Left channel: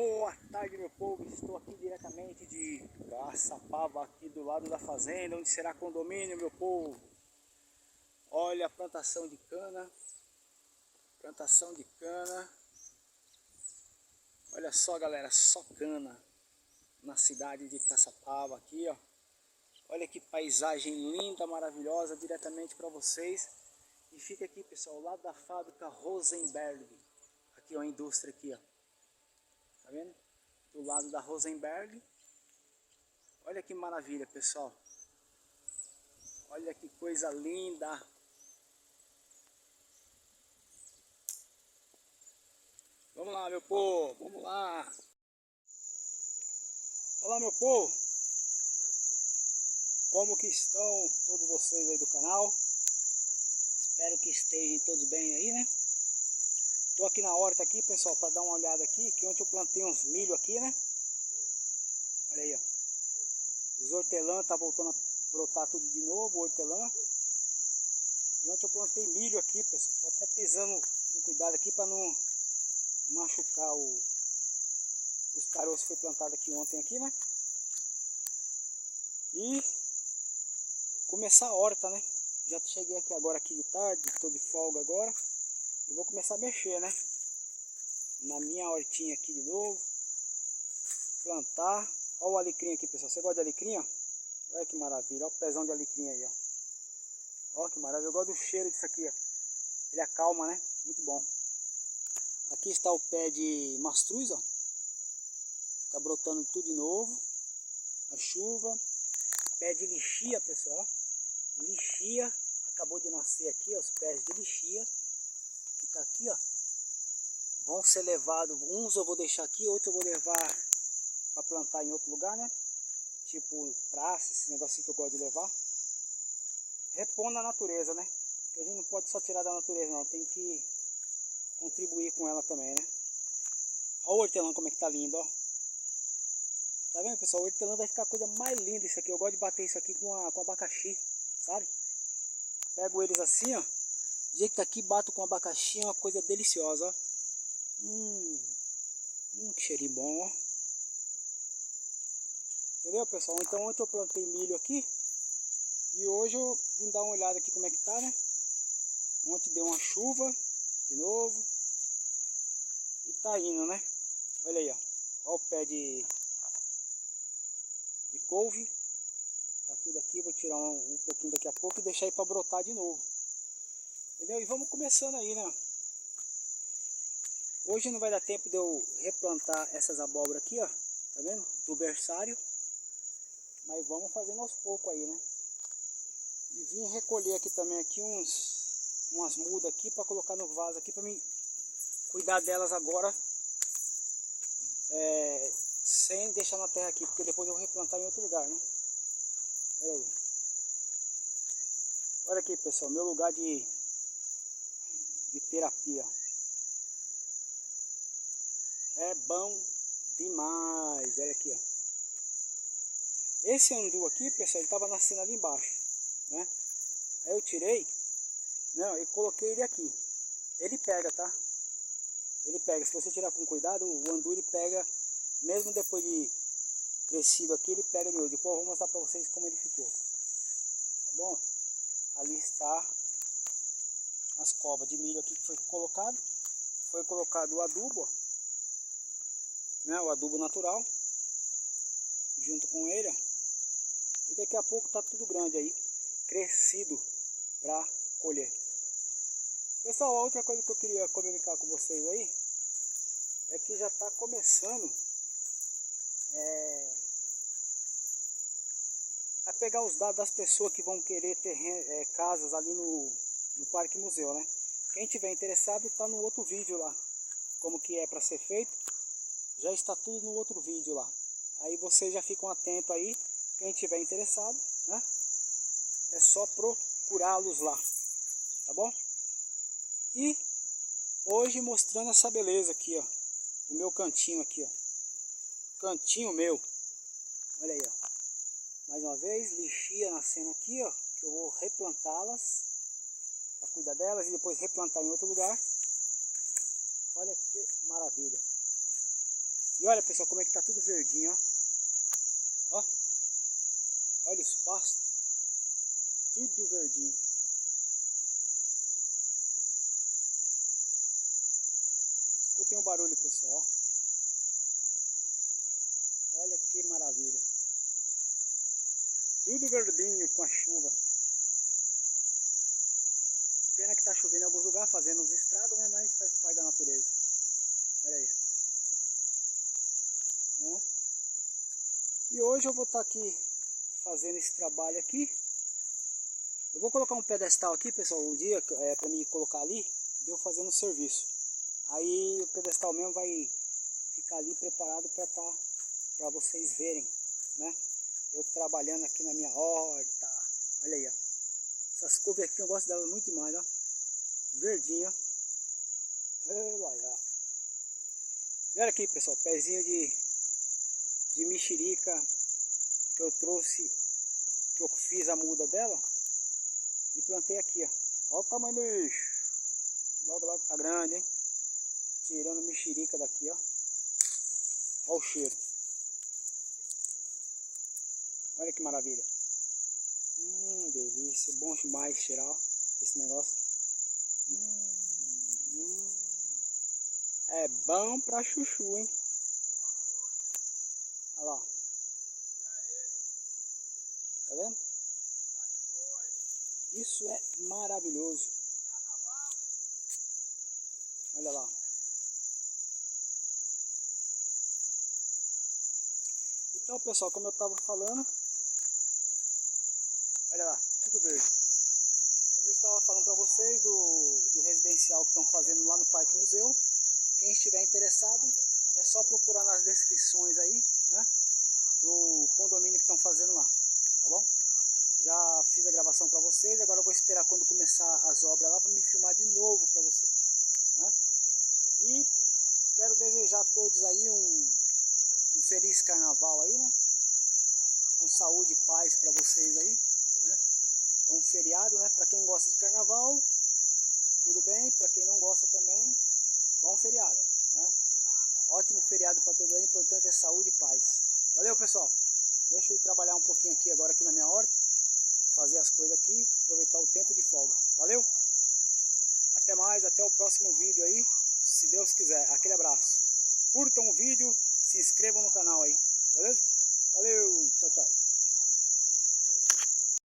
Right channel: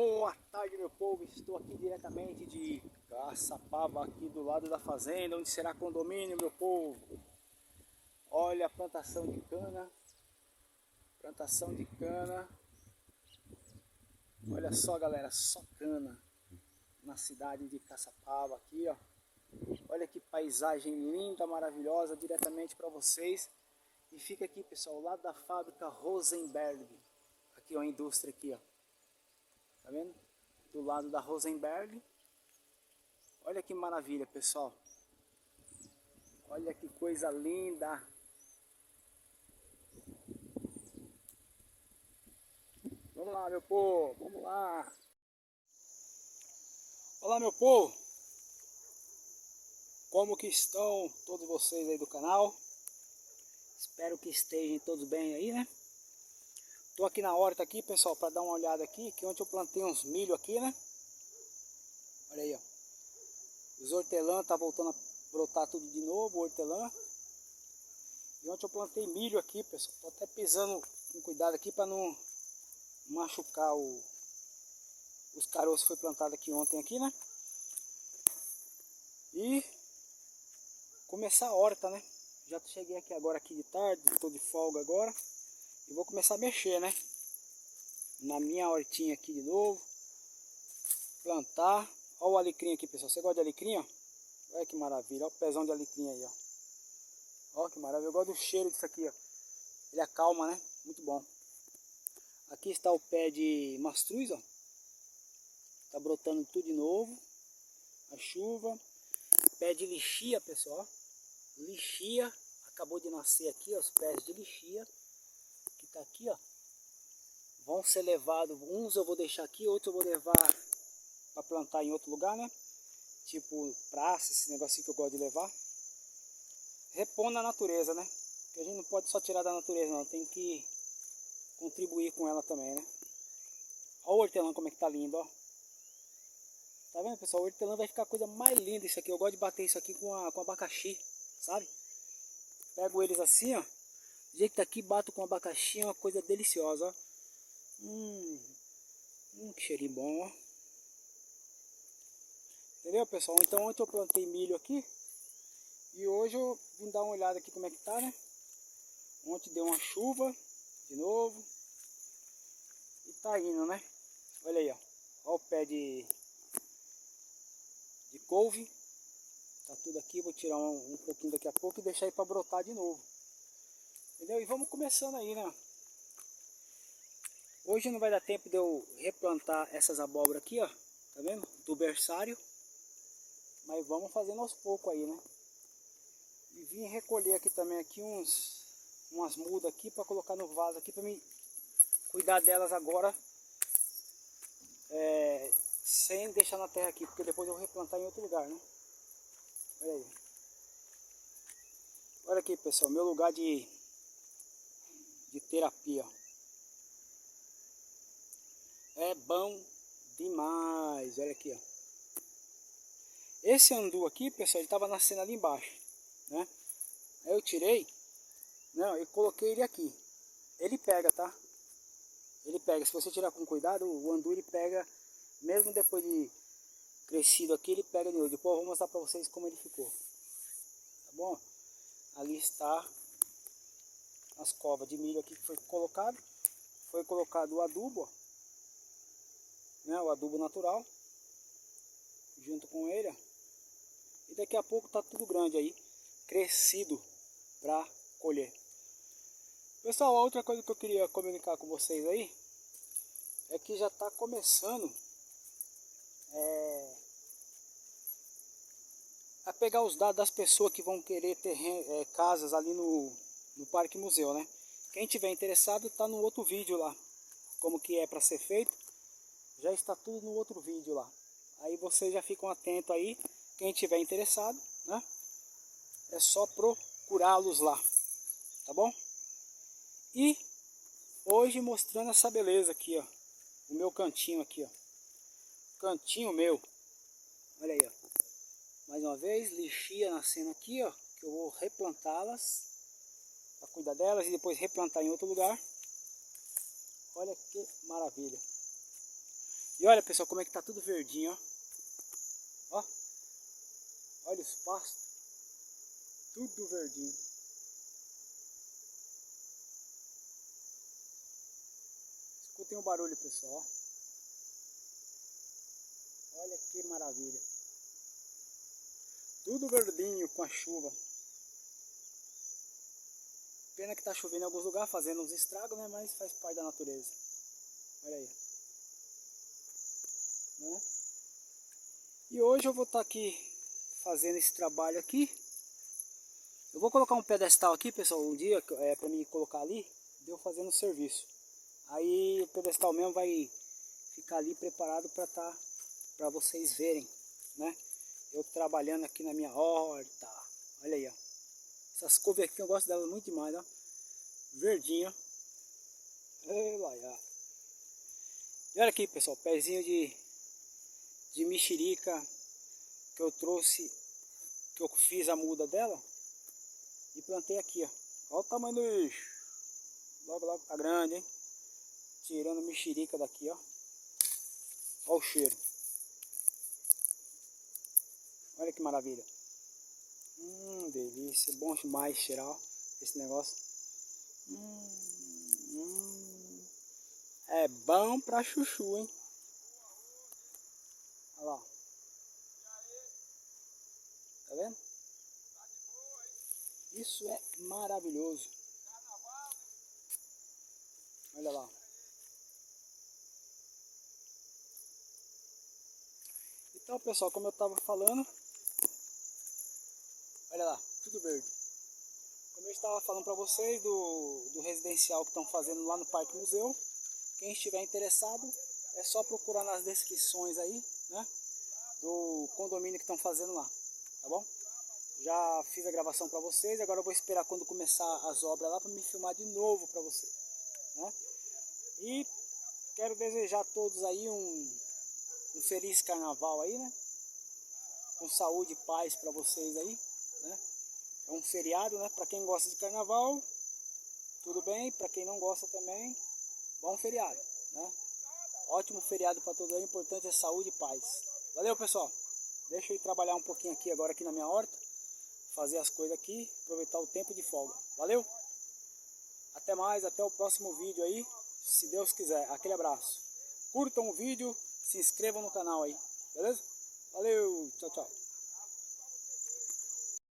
Boa tarde, meu povo, estou aqui diretamente de Caçapava, aqui do lado da fazenda, onde será condomínio, meu povo. Olha a plantação de cana, olha só galera, só cana na cidade de Caçapava aqui, ó. Olha que paisagem linda, maravilhosa, diretamente para vocês. E fica aqui, pessoal, ao lado da fábrica Rosenberg, aqui ó, a indústria aqui, ó. Tá vendo? Do lado da Rosenberg. Olha que maravilha, pessoal. Olha que coisa linda. Vamos lá, meu povo, vamos lá. Olá, meu povo. Como que estão todos vocês aí do canal? Espero que estejam todos bem aí, né? Tô aqui na horta aqui, pessoal, para dar uma olhada aqui, que ontem eu plantei uns milho aqui, né? Olha aí, ó. Os hortelã tá voltando a brotar tudo de novo, o hortelã. E ontem eu plantei milho aqui, pessoal. Tô até pisando com cuidado aqui para não machucar os caroços que foi plantado aqui ontem aqui, né? E começar a horta, né? Já cheguei aqui agora aqui de tarde, tô de folga agora. E vou começar a mexer, né? Na minha hortinha aqui de novo. Plantar. Olha o alecrim aqui, pessoal. Você gosta de alecrim, ó? Olha que maravilha. Olha o pezão de alecrim aí, ó. Olha que maravilha. Eu gosto do cheiro disso aqui, ó. Ele acalma, né? Muito bom. Aqui está o pé de mastruz, ó. Tá brotando tudo de novo. A chuva. Pé de lixia, pessoal. Lixia. Acabou de nascer aqui, ó, os pés de lixia. Que tá aqui, ó. Vão ser levados. Uns eu vou deixar aqui, outros eu vou levar para plantar em outro lugar, né? Tipo praça, esse negocinho que eu gosto de levar. Repondo a natureza, né? Porque a gente não pode só tirar da natureza, não. Tem que contribuir com ela também, né? Olha o hortelã como é que tá lindo, ó. Tá vendo, pessoal? O hortelã vai ficar a coisa mais linda isso aqui. Eu gosto de bater isso aqui com abacaxi, sabe? Pego eles assim, ó. Do jeito que tá aqui, bato com abacaxi, é uma coisa deliciosa, ó. Que cheirinho bom, ó. Entendeu, pessoal? Então ontem eu plantei milho aqui. E hoje eu vim dar uma olhada aqui como é que tá, né? Ontem deu uma chuva de novo. E tá indo, né? Olha aí, ó. Olha o pé de couve. Tá tudo aqui. Vou tirar um pouquinho daqui a pouco e deixar aí pra brotar de novo. Entendeu? E vamos começando aí, né? Hoje não vai dar tempo de eu replantar essas abóboras aqui, ó. Tá vendo? Do berçário. Mas vamos fazendo aos poucos aí, né? E vim recolher aqui também aqui umas mudas aqui para colocar no vaso aqui para mim cuidar delas agora, sem deixar na terra aqui, porque depois eu vou replantar em outro lugar, né? Olha aí. Olha aqui, pessoal, meu lugar de terapia. É bom demais. Olha aqui, ó. Esse andu aqui, pessoal, ele tava nascendo ali embaixo, né? Aí eu tirei, não, e coloquei ele aqui. Ele pega, tá? Ele pega, se você tirar com cuidado, o andu ele pega, mesmo depois de crescido aqui, ele pega de novo. Depois eu vou mostrar pra vocês como ele ficou. Tá bom? Ali está as covas de milho aqui que foi colocado. Foi colocado o adubo, ó, né? O adubo natural, junto com ele, ó. E daqui a pouco tá tudo grande aí, crescido para colher. Pessoal, a outra coisa que eu queria comunicar com vocês aí é que já está começando a pegar os dados das pessoas que vão querer ter casas ali no Parque Museu, né? Quem tiver interessado está no outro vídeo lá, como que é para ser feito, já está tudo no outro vídeo lá. Aí vocês já ficam atentos aí, quem tiver interessado, né? É só procurá-los lá, tá bom? E hoje mostrando essa beleza aqui, ó. O meu cantinho aqui, ó. Cantinho meu. Olha aí, ó. Mais uma vez, lixia nascendo aqui, ó. Que eu vou replantá-las. Para cuidar delas e depois replantar em outro lugar. Olha que maravilha. E olha, pessoal, como é que tá tudo verdinho, ó. Ó. Olha os pastos. Tudo verdinho. Escutem o barulho, pessoal, ó. Olha que maravilha. Tudo verdinho com a chuva. Pena que tá chovendo em alguns lugares, fazendo uns estragos, né? Mas faz parte da natureza. Olha aí. Né? E hoje eu vou estar aqui fazendo esse trabalho aqui. Eu vou colocar um pedestal aqui, pessoal, um dia para mim colocar ali, deu fazendo o serviço. Aí o pedestal mesmo vai ficar ali preparado para vocês verem, né? Eu trabalhando aqui na minha horta. Olha aí, ó. Essas couves aqui eu gosto delas muito demais, ó. Verdinho. E olha aqui, pessoal, pezinho de mexerica que eu trouxe, que eu fiz a muda dela e plantei aqui, ó. Olha o tamanho do bicho. Logo, logo tá grande, hein? Tirando mexerica daqui, ó. Olha o cheiro. Olha que maravilha. Delícia. Bom demais cheirar esse negócio. É bom pra chuchu, hein? Olha lá. Tá vendo? Isso é maravilhoso. Olha lá. Então, pessoal, como eu estava falando, olha lá, tudo verde. Como eu estava falando para vocês do residencial que estão fazendo lá no Parque Museu, quem estiver interessado é só procurar nas descrições aí, né, do condomínio que estão fazendo lá, tá bom? Já fiz a gravação para vocês, agora eu vou esperar quando começar as obras lá para me filmar de novo para vocês, né? E quero desejar a todos aí um feliz carnaval aí, né? Com saúde e paz para vocês aí, né? É um feriado, né? Para quem gosta de carnaval, tudo bem. Para quem não gosta também, bom feriado, né? Ótimo feriado para todos aí. O importante é saúde e paz. Valeu, pessoal. Deixa eu ir trabalhar um pouquinho aqui agora aqui na minha horta, fazer as coisas aqui, aproveitar o tempo de folga. Valeu? Até mais, até o próximo vídeo aí, se Deus quiser. Aquele abraço. Curtam o vídeo, se inscrevam no canal aí, beleza? Valeu, tchau, tchau.